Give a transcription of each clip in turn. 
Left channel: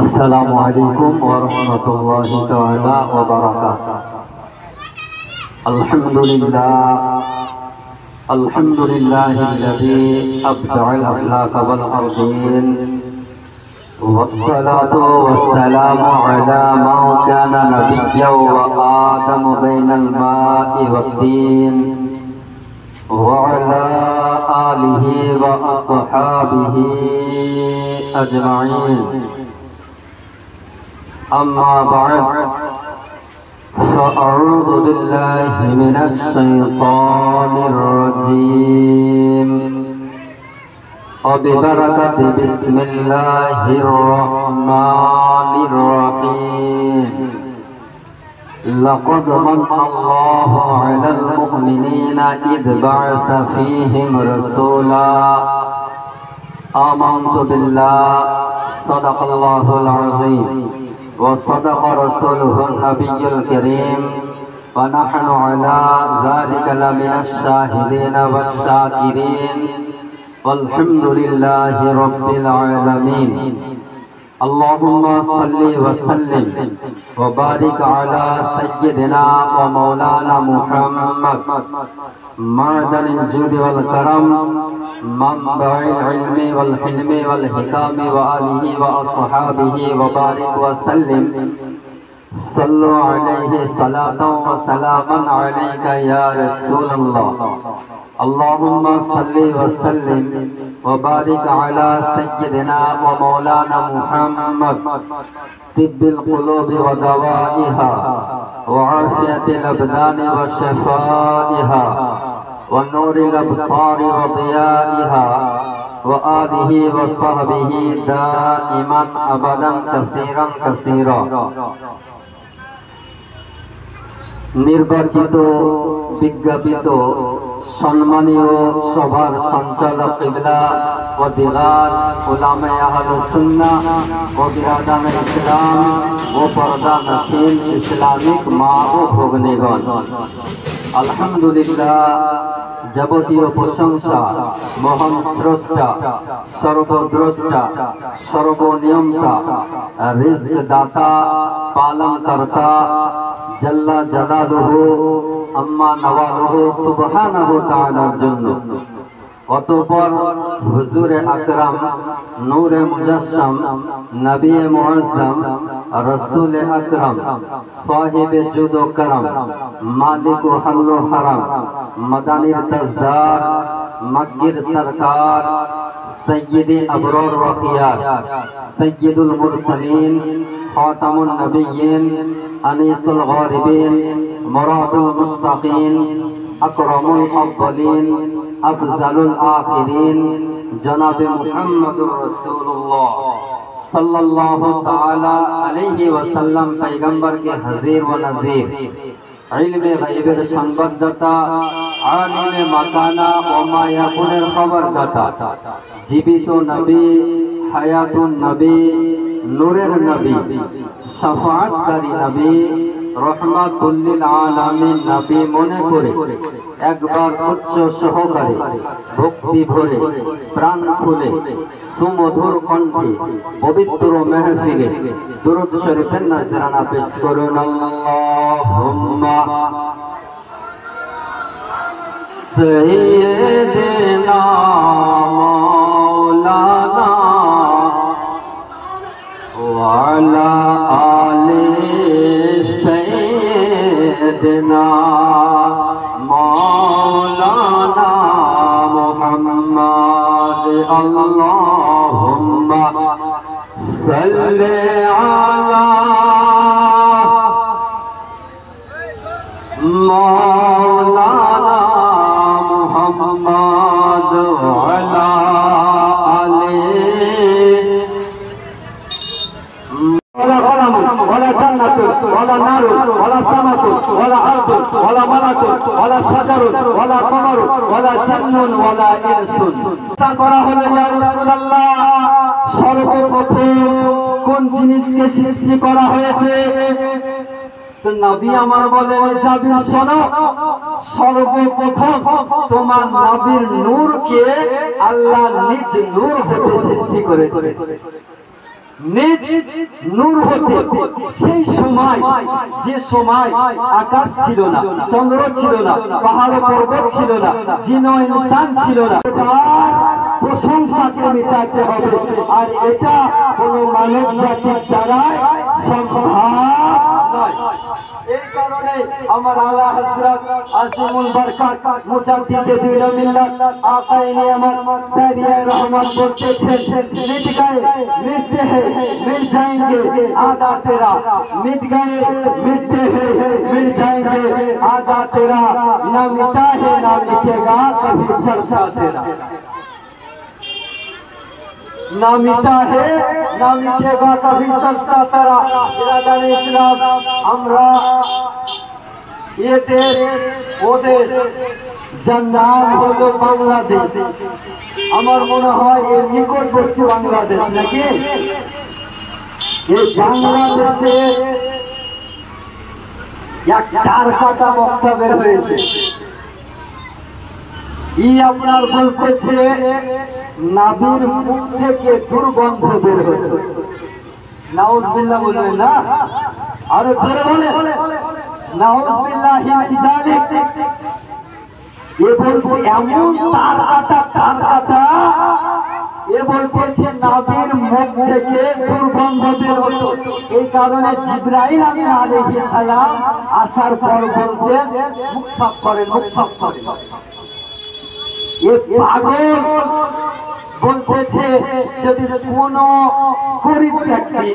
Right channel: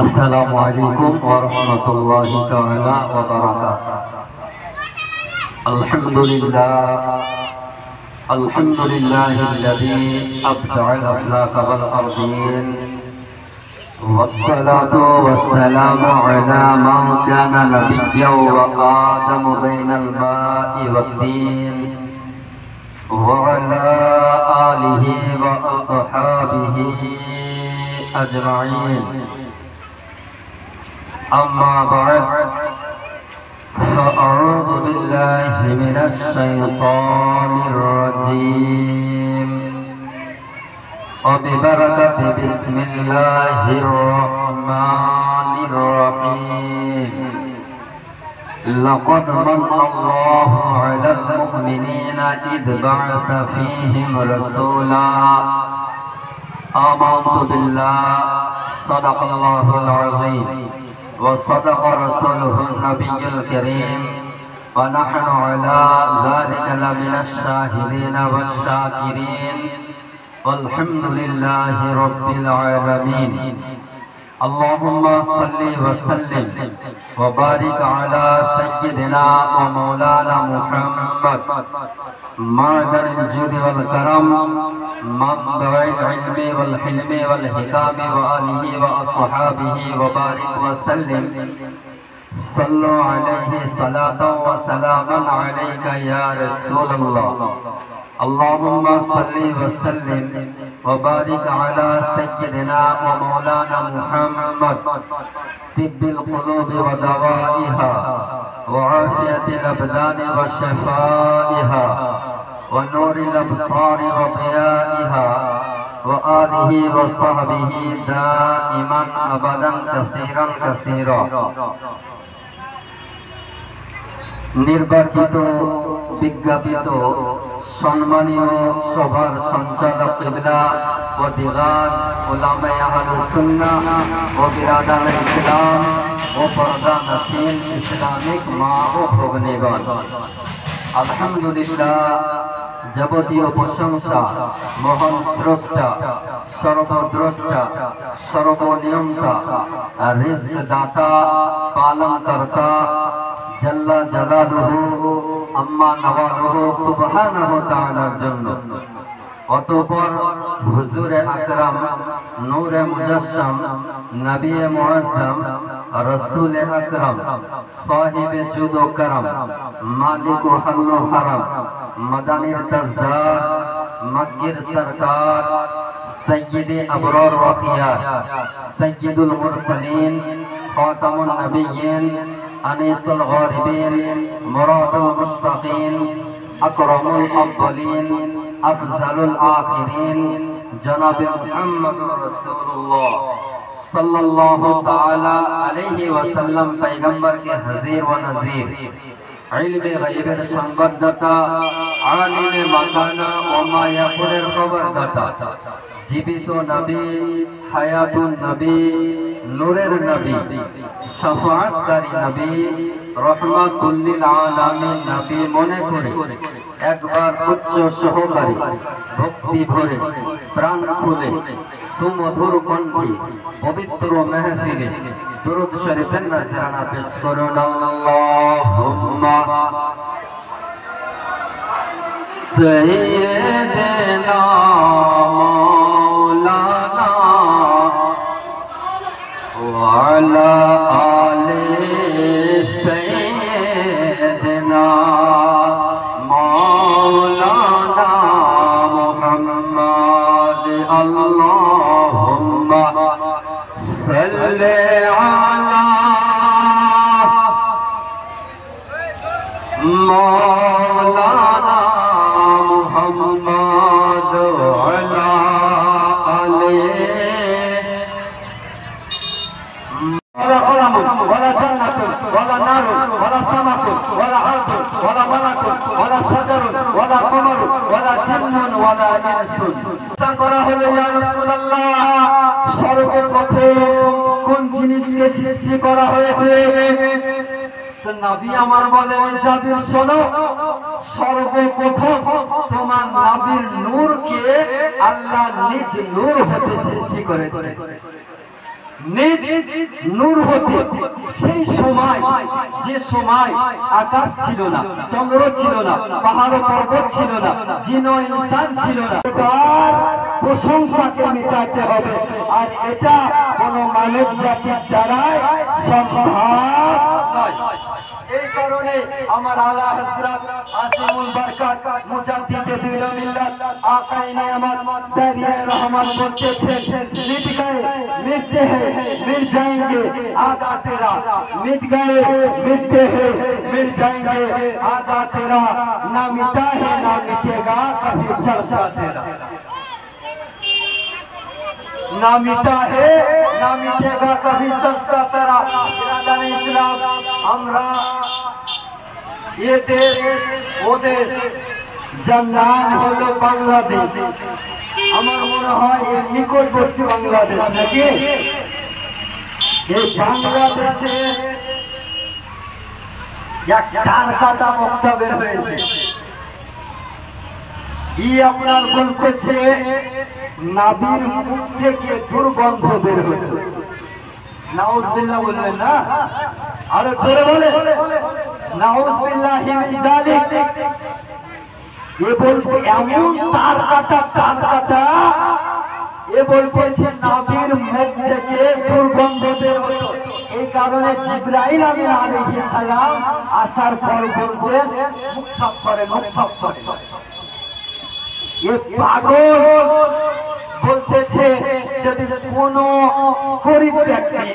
अस्सलामु अलैकुम व रहमतुल्लाहि तआला व बरकातुहू। अल्हम्दुलिल्लाहिल्लज़ी अब्दअल अफ़लाक वल अर्दीन वस्सलातु वस्सलामु अला मन काना नबिय्यन व आदम बैनल माइ वत्तीन व अला आलिहि व अस्हाबिहि अजमाइन। अम्मा बाद फ़अऊज़ु बिल्लाहि मिनश शैतानिर रजीम व बिबरकति बिस्मिल्लाहिर रहमानिर रहीम। लक़द मन्नल्लाहु अलल मुमिनीना इज़ बअस फ़ीहिम रसूला। आमन्तु बिल्लाहि सदक़ल्लाहुल अज़ीम व सदक़ रसूलुहुन नबियुल करीम व नहनु अला ज़ालिका लमिनश शाहिदीन वश्शाकिरीन वल्हम्दुलिल्लाहि रब्बिल आलमीन। अल्लाहुम्मा सल्लि व सल्लिम व बारिक अला सय्यिदिना व मौलाना मुहम्मद मअदनिल जुद वल करम मंबइल इल्मी वल हिल्मी वल हिकामी व आलिहि व अस्हाबिहि व बारिक व सल्लिम। सल्लु अलैहि सलातन व सलामन अलैका या रसूलल्लाह। अल्लाहुम्मा सल्लि व सल्लिम व बारिक अला सय्यिदिना व मौलाना मुहम्मद तिब्बिल कुलूबि व दवाइहा व आफियतिल अबदानि व शिफाइहा व नूरिल अबसारि व दियाइहा व आलिहि व सहबिहि दाइमन अबदन कसीरन कसीरा। निर्वाचित विज्ञापित सम्मानीय सभार संचालक किबला व दीगार उलामाए अहलुस सुन्नाह व बिरादान इस्लाम व पर्दा नशीन इस्लामिक माँ व भगिनीगण, अल्हम्दुलिल्लाह যাবতীয় প্রশংসা মহান স্রষ্টা সর্বদ্রষ্টা সর্বনিয়ন্তা রিজক দাতা পালন কর্তা জাল্লা জালালুহু আম্মা নওয়ালুহু সুবহানাহু তাআলার জন্য। অতঃপর হুজুরে আকরাম নূরে মুজাসসাম নবী মুআজ্জম रसूल अकरम साहिब जुद व करम मालिक हल्लो हरम मदानिर तजदार मक्किर सरकार सय्यदे अबरार व खियार सय्यदुल मुरसलीन खातमुन नबिय्यीन अनीसुल गारिबीन मुरादुल मुश्ताकीन अकरमुल अव्वलीन अफजलुल आखिरीन जनाब मुहम्मदुर रसूलुल्लाह सल्लल्लाहु ताला अलैहि वसल्लम पैगंबर के हज़ीर व नज़ीर, इल्मे गैबेर संबद्धता, आलिमे मकाना व मा याकुनेर खबरदाता, जीवित नबी, हयातुन नबी, नूरेर नबी, शफाअतकारी नबी, रहमातुल लिल आलामीन नबी मने करे একবার উচ্চ সহকারে ভক্তি ভরে প্রাণ খুলে সুমধুর কণ্ঠে পবিত্র মেহফিলে দুরূদ শরীফের নজরানা পেশ করুন। আল্লাহুম্মা সাইয়্যিদিনা মাওলানা ওয়া আলা আলি সাইয়্যিদিনা मौलाना मुहम्मद। अल्लाहुम्मा सल्ले अला मौलाना मुहम्मद अला आले ولا جنة ولا نار ولا سمك ولا أرض ولا ملك ولا شجر ولا قمر ولا جن ولا إنس করা হলো ইয়া রাসূলুল্লাহ। সর্বপ্রথম কোন জিনিসকে সৃষ্টি করা হয়েছে? তো নবী আমার বলেন জাবির শোনো, সর্বপ্রথম তোমার নবীর নূরকে আল্লাহ নিজ নূর হতে সৃষ্টি করেছে। নিজ নূর হতে সেই সময় যে সময় আকাশ ছিল না, চন্দ্র ছিল না, পাহাড় পর্বত ছিল না, জিন ও ইনসান ছিল না, তার প্রশংসাকে মেটাতে হবে। আর এটা কোন মানব জাতির দ্বারা সম্ভব নয়। এই কারণে আমার আলা হযরত আজিমুল বরকত মুজাদ্দিদে দিল মিল্লাত আকায়ে আমার দারিয়ে রহমান বলতেছেন, মিট গয়ে मिटते हैं मिट जाएंगे आधा तेरा, मिट गए मिटते हैं मिट जाएंगे आधा तेरा, ना मिटा है ना मिटेगा कभी चर्चा तेरा, ना मिटा है ना मिटेगा कभी चर्चा तेरा। बिरादर इस्लाम, আমরা ये देश वो देश যার নাম হলো বাংলাদেশ, আমার মনে হয় এর নিকটবর্তী বাংলাদেশ নাকি? এই বাংলাদেশের এক চারখাটা বক্তা বের হয়েছে, আপনার বলতেছে নাভির মুখ থেকে দুর্গন্ধ বের হয়েছে। নাউজুবিল্লাহ বললেন না, আরে জোরে বলে নাউজুবিল্লাহি মিন যালিক। এ বলছে এমন তার কাটা এ বলতেছে নাভির মুখ থেকে দুর্গন্ধ বের হতো। এই কারণে জিবরাইল আলাইহিস সালাম আসার পরে বলতেন মুখ সাফ করেন, মুখ সাফ করেন। এ পাগল বলতেছে যদি কোনো গরিব ব্যক্তি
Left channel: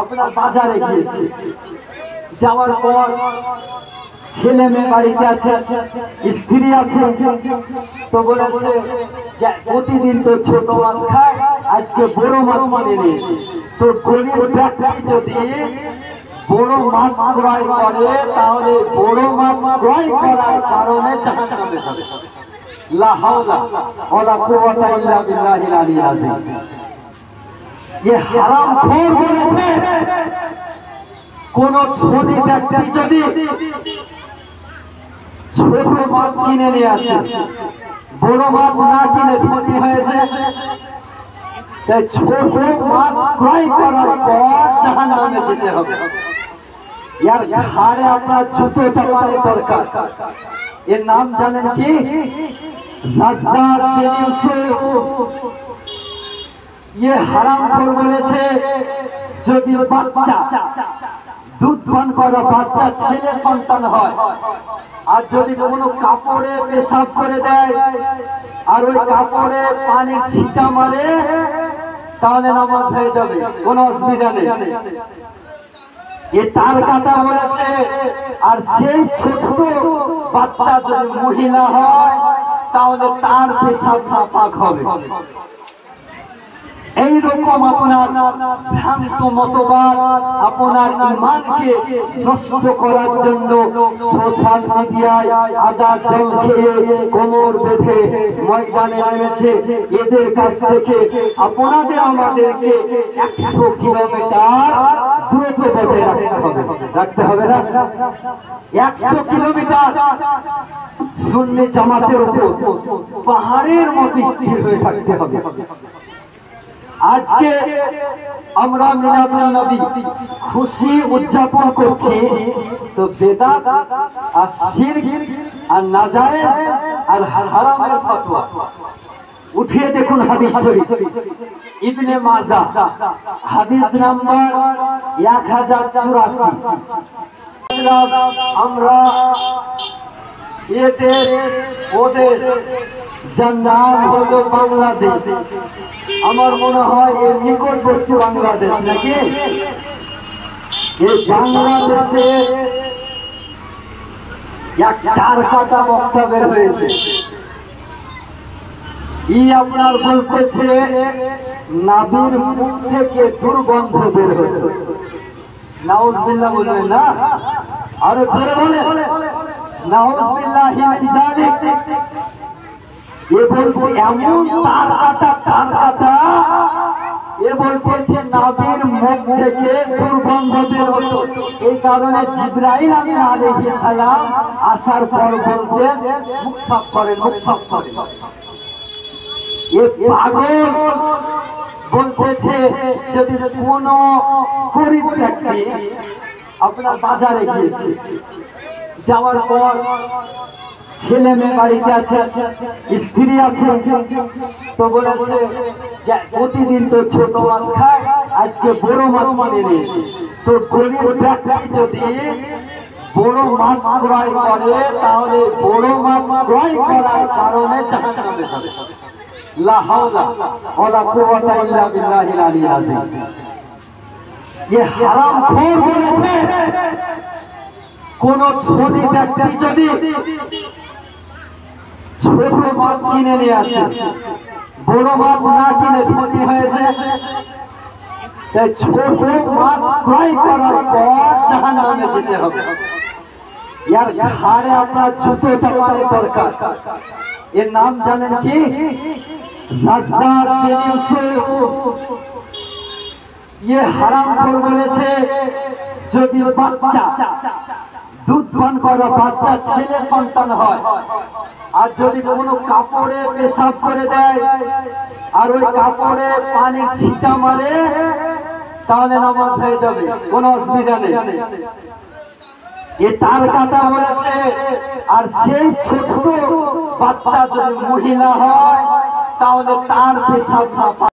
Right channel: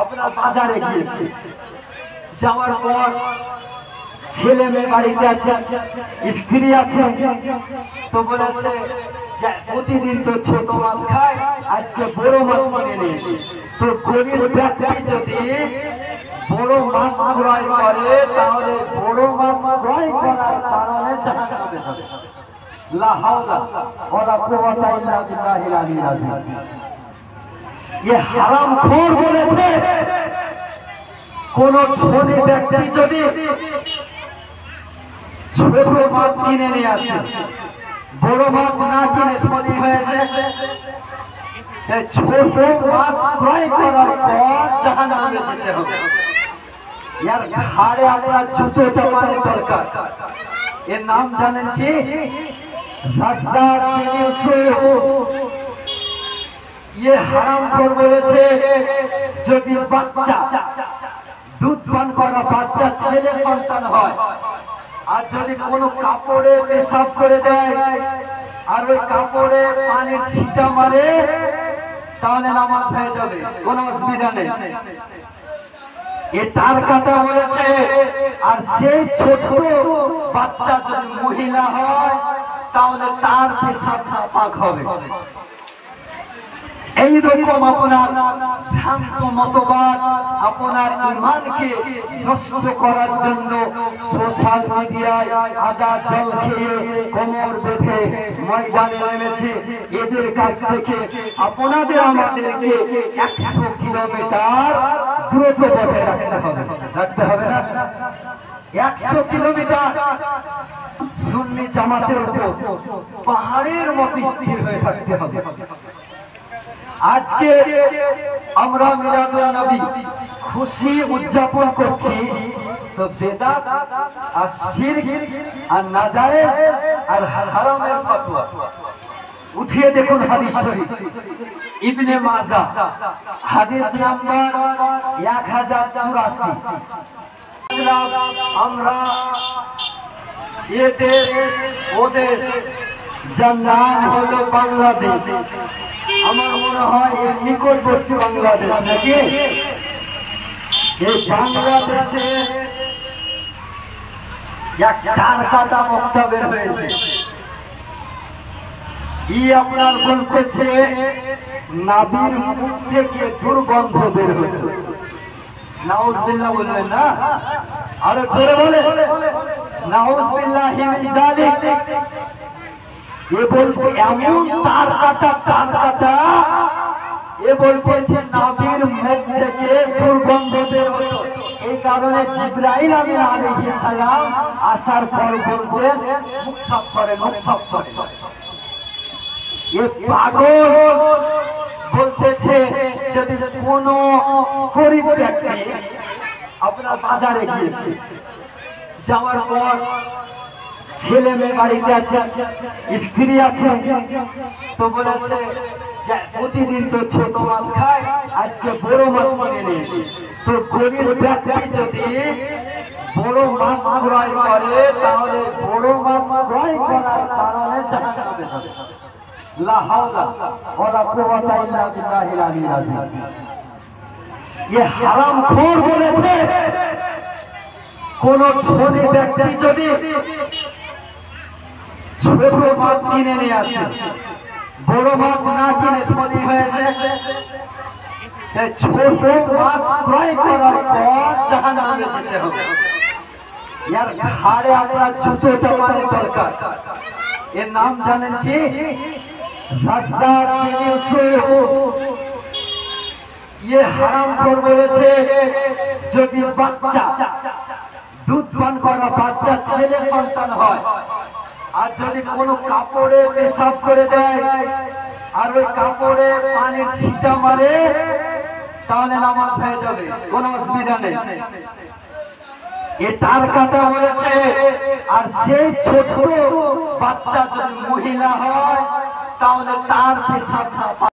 আপনার বাজারে গিয়েছে, যাওয়ার পর ছেলে মেয়ে বাড়িতে আছে, স্ত্রী আছে, তো বলেছে যে প্রতিদিন তো ছোট মাছ খায়, আজকে বড় মাছ কিনে নিয়েছি। তো গরিব ব্যক্তি যদি বড় মাছ ক্রয় করে তাহলে বড় মাছ ক্রয় করার কারণে জান্নাতে যাবে। লা হাওলা ওয়ালা কুওয়াতা ইল্লা বিল্লাহিল আলিয়্যিল আযীম। ये হারামখোর বলেছে কোন ছোট ব্যক্তি যদি ছোট মাছ কিনে নিয়ে আসে, বড় মাছ না কিনে ধনী হয়েছে, তাই ছোট মাছ ক্রয় করার পর জাহান্নামে যেতে হবে। यार ঘাড়ে আপনার জুতো চাপানোর দরকার। এর নাম জানেন কি? নাসদার বিন ইউসুফ। ये হারামখোর বলেছে যদি বাচ্চা দুধ পান করা বাচ্চা ছেলে সন্তান হয় আর যদি কোনো কাপড়ে পেশাব করে দেয় আর ওই কাপড়ে পানির ছিটা মারে তাহলে নামাজ হয়ে যাবে, কোনো অসুবিধা নেই। এ তার কথা বলেছে। আর সেই ছোট বাচ্চা যদি মহিলা হয় তাহলে তার পেশাব নাপাক হবে। এইরকম আপনার ভ্রান্ত মতবাদ আপনার ঈমানকে নষ্ট করার জন্য সোশ্যাল মিডিয়ায় আদা জল খেয়ে কোমর বেঁধে ময়দানে নেমেছে। এদের কাছ থেকে আপনাদের আমাদেরকে 100 কিলোমিটার দূরত্ব বজায় রাখতে হবে না? 100 কিলোমিটার সুন্নি জামাতের উপর পাহাড়ের মতো স্থির হয়ে থাকতে হবে। আজকে আমরা মিলাদুন নবী খুশি উদযাপন করছি, তো বেদাত আর শিরক আর নাজায়েজ আর হারামের ফতোয়া উঠিয়ে দেখুন হাদিস শরীফ ইবনে মাজাহ হাদিস নাম্বার 1084। আমরা এ দেশ ও দেশ যার নাম হলো বাংলাদেশ, আমার মনে হয় এর নিকটবর্তী বাংলাদেশ নাকি? এই বাংলাদেশের এক চারখাটা বক্তা বের হয়েছে, আপনার বলতেছে নাভির মুখ থেকে দুর্গন্ধ বের হয়েছে। নাউজুবিল্লাহ বললেন না, আরে জোরে বলে নাউজুবিল্লাহি মিন যালিক। এ বলছে এমন তার কাটা এ বলতেছে নাভির মুখ থেকে দুর্গন্ধ বের হতো। এই কারণে জিবরাইল আলাইহিস সালাম আসার পর বলতেন মুখ সাফ করেন, মুখ সাফ করেন। এ পাগল বলতেছে যদি কোনো গরিব ব্যক্তি আপনার বাজারে গিয়েছে, যাওয়ার পর ছেলে মেয়ে বাড়িতে আছে, স্ত্রী আছে, তো বলেছে যে প্রতিদিন তো ছোট মাছ খায়, আজকে বড় মাছ কিনে নিয়েছি। তো গরিব ব্যক্তি যদি বড় মাছ ক্রয় করে তাহলে বড় মাছ ক্রয় করার কারণে জাহান্নামে যাবে। লা হাওলা ওয়ালা কুওয়াতা ইল্লা বিল্লাহিল আলিয়্যিল আযীম। ये হারামখোর বলেছে কোন ছোট ব্যক্তি যদি ছোট মাছ কিনে নিয়ে আসে, বড় মাছ না কিনে ধনী হয়েছে, তাই ছোট মাছ ক্রয় করার পর জাহান্নামে যেতে হবে। यार घाड़े अपना जूते चलाने दरकार। ये नाम जानें कि राजदार ये हराम कर बोलेছে যদি বাচ্চা দুধ পান করা বাচ্চা ছেলে সন্তান হয় আর যদি কোনো কাপড়ে পেশাব করে দেয় আর ওই কাপড়ে পানির ছিটা মারে তাহলে নামাজ হয়ে যাবে, কোনো অসুবিধা নেই। ये तार कथा বলেছে আর সেই ছোট বাচ্চা যদি মহিলা হয় তাহলে তার পেশাব